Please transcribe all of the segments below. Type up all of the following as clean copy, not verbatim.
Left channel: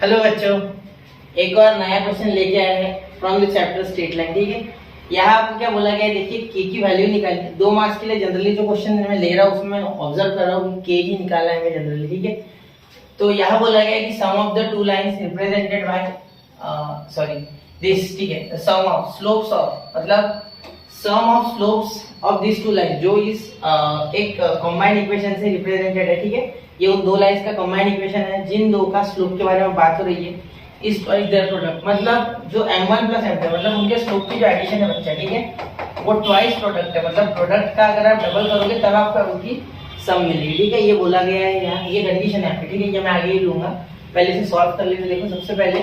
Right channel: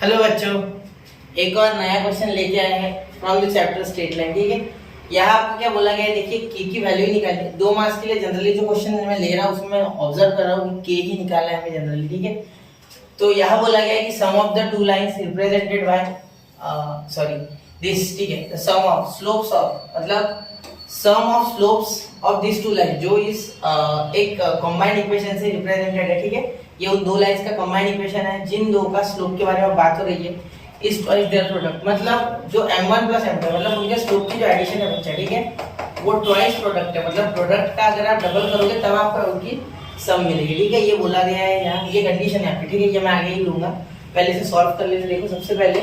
Hello बच्चों, एक और नया क्वेश्चन लेके आए हैं from the chapter straight line. ठीक है, यहाँ आपको क्या बोला गया है, देखिए के की वैल्यू निकालिए। 2 मार्क्स के लिए जनरली जो क्वेश्चन मैं ले रहा हूँ उसमें ऑब्जर्व कर रहा हूँ कि के ही निकाला है मैं जनरली। ठीक है, तो यहाँ बोला गया है कि sum of the two lines represented by this. ठीक है, सम ऑफ स्लोप्स ऑफ मतलब sum of slopes of this two line जो इस एक कंबाइंड इक्वेशन से रिप्रेजेंटेड है। ठीक है, ये उन दो लाइंस का कंबाइंड इक्वेशन है जिन दो का स्लोप के बारे में बात हो रही है। इस ट्वाइस देयर प्रोडक्ट मतलब जो m1 प्लस m2 मतलब उनके स्लोप की जो एडिशन है बच्चा, ठीक है, वो ट्वाइस प्रोडक्ट है। मतलब प्रोडक्ट का अगर आप डबल करोगे तब आपको उनकी सम मिलेगी। ठीक है, ये बोला गया है यहाँ, ये कंडीशन है आपकी। ठीक है, ये मैं आगे ही लूंगा, पहले से सॉल्व कर लेते। देखो सबसे पहले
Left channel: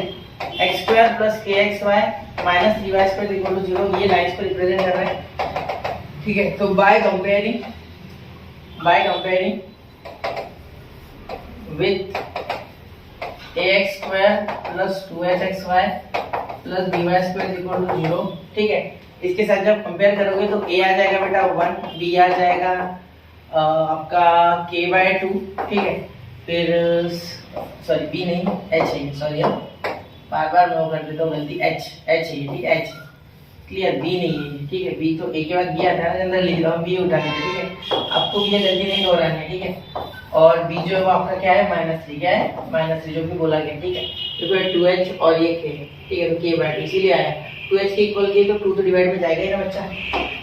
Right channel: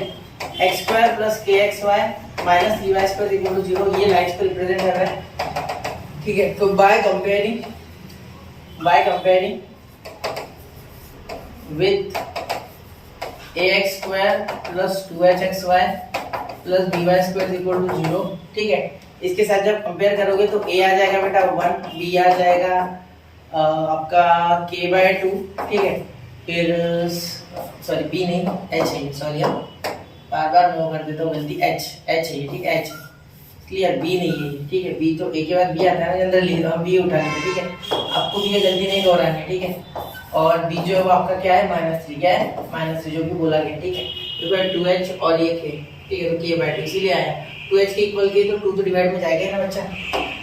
x² plus kxy minus 3y² equal to 0 ये लाइंस को रिप्रेजेंट कर रहा है। ठीक है, तो by comparing with ax² plus 2hxy plus by² equal to 0। ठीक है, इसके साथ जब कंपेयर करोगे तो a आ जाएगा बेटा 1, b आ जाएगा आपका k/2। ठीक है, फिर सॉरी b नहीं h है, सॉरी बार बार मैं वो कर देता हूँ गलती, h है। ठीक है, h क्लियर, b नहीं है। ठीक है, b तो a के बाद b आता है ना जनरली, तो हम b उठा लेते। ठीक है, आपको ये गलती नहीं दोहरानी है। ठीक है, और b जो है वो आपका क्या है -3, क्या है -3 जो भी बोला गया। ठीक है, तो 2h और ये k। ठीक है, तो k/2 इसीलिए आया 2h के इक्वल k, तो 2 तो डिवाइड में जाएगा ही ना बच्चा।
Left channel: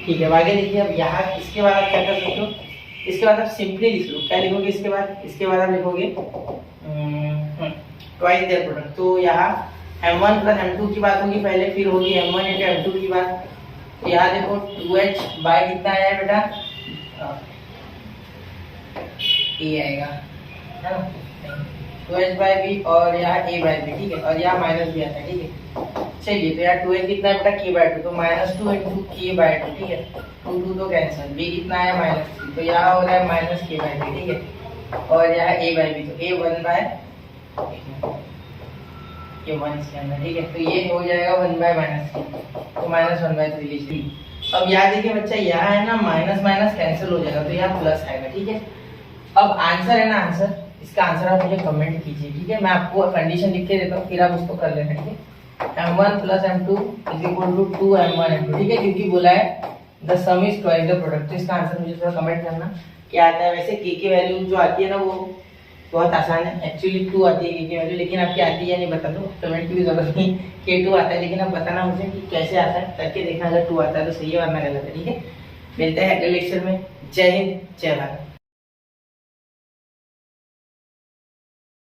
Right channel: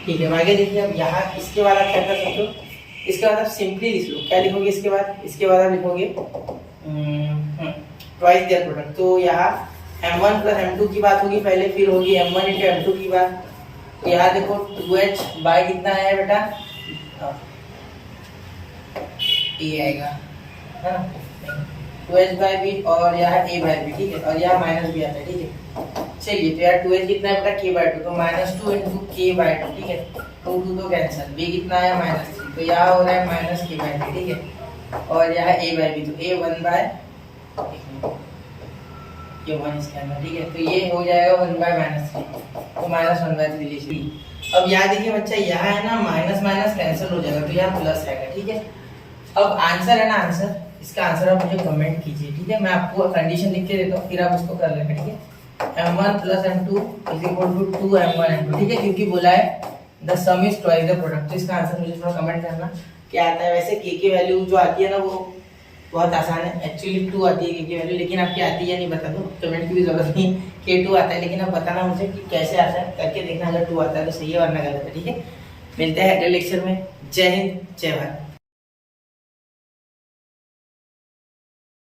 ठीक है, आगे देखिए। अब यहाँ इसके बाद आप क्या कर सकते हो, इसके बाद आप सिंपली लिख लो। क्या लिखोगे इसके बाद आप लिखोगे ट्वाइस देयर प्रोडक्ट। तो यहाँ m1 प्लस m2 की बात होगी पहले, फिर होगी m1 into m2 की बात। तो यहाँ देखो 2h बाय कितना आया है बेटा, a आएगा है ना, 2h बाय b और यहाँ a बाय b। ठीक है, और यहाँ माइनस b आता है। ठीक है, चलिए तो यार 2h कितना है बेटा k/2, तो -2 into k/2। ठीक है, 2 तो कैंसिल, b कितना है -3, तो यहाँ हो रहा है -k/3। ठीक है, और यहाँ a बाय b, तो a 1 बाय ये 1 इसके अंदर। ठीक है, तो ये हो जाएगा 1 बाय -3, तो -1/3 लीजिए। अब यहाँ देखिए बच्चा, यहाँ है ना माइनस माइनस कैंसिल हो जाएगा, तो यहाँ प्लस आएगा। ठीक है, अब आंसर है ना, आंसर इसका आंसर आप मुझे कमेंट कीजिए। ठीक है, मैं आपको कंडीशन लिख के देता हूँ, फिर आप उसको कर लेना। ठीक है, m1 plus m2 is equal to 2m1 m2। ठीक है, क्योंकि बोला है the some is twice the product, तो इसका आंसर मुझे थोड़ा कमेंट करना क्या आता है। वैसे k की वैल्यू जो आती है ना वो बहुत आसान है, एक्चुअली 2 आती है k की वैल्यू, लेकिन आपकी आती है नहीं बता दो, कमेंट की भी जरूरत नहीं। k2 आता है, लेकिन अब बताना मुझे कि कैसे आता है, करके देखना। अगर 2 आता है तो सही है, वरना गलत है। ठीक है, मिलते हैं अगले लेक्चर में। जय हिंद, जय भारत।